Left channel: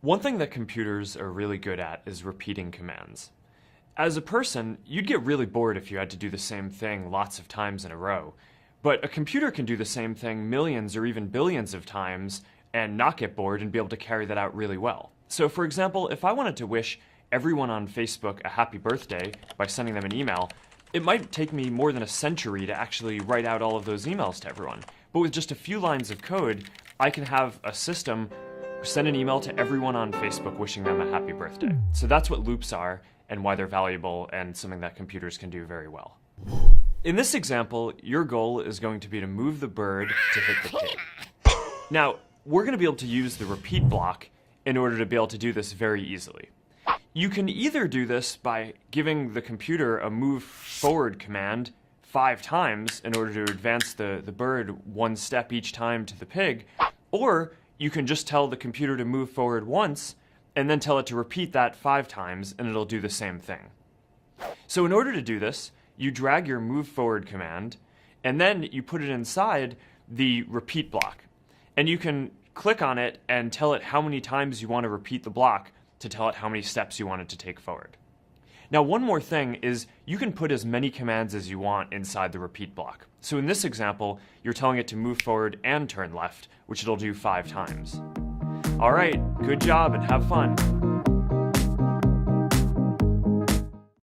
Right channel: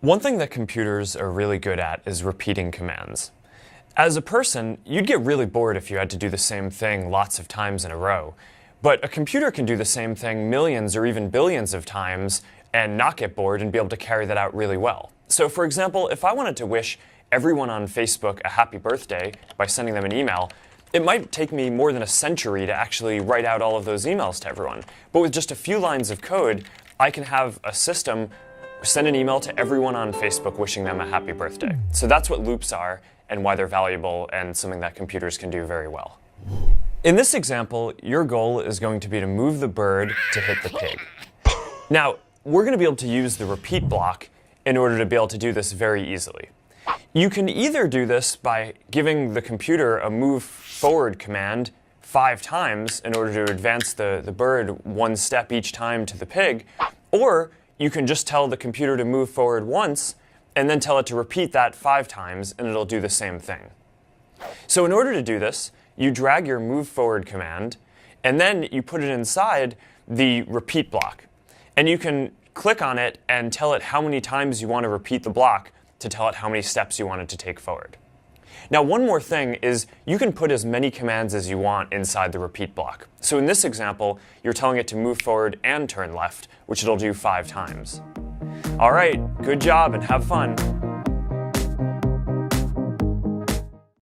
One thing that computers are really good at is repeating commands. As a person, you'd get really bored if you had to do the same thing lots of times in a row. But a computer can do the same thing millions or even billions of times and not get bored and be able to carry that out really well. So for example, if I wanted to wish everyone on Facebook a happy birthday by sending them an email, it might take me more than a century to actually write out all of those emails to everyone. But with just a few lines of code, I can have a system send an email to everyone on Facebook wishing them a happy birthday. So that's what loops are and why they're valuable and something that computers can do very well. In this example, your goal is going to be to move the bird to hit the pig. Now, we're going to be able to use the repeat block in order to be able to do this very easily. You can either do this by giving the computer a move forward command 5 times in order to advance the bird 1 step each time to the pig, or you can just tell the computer to move forward once and then tell it to repeat that 5 times and it'll do the same thing. So in order to do this, you drag your move forward command and then you put it inside the repeat block. And you can click on it and tell it how many times you want to repeat the block to tell it how many steps you want it to take forward. Now, one more thing is you can put as many commands as you want inside the repeat block. So in this example, you're telling it to move forward and turn left, which it'll do 5 times. All right, good job and have fun.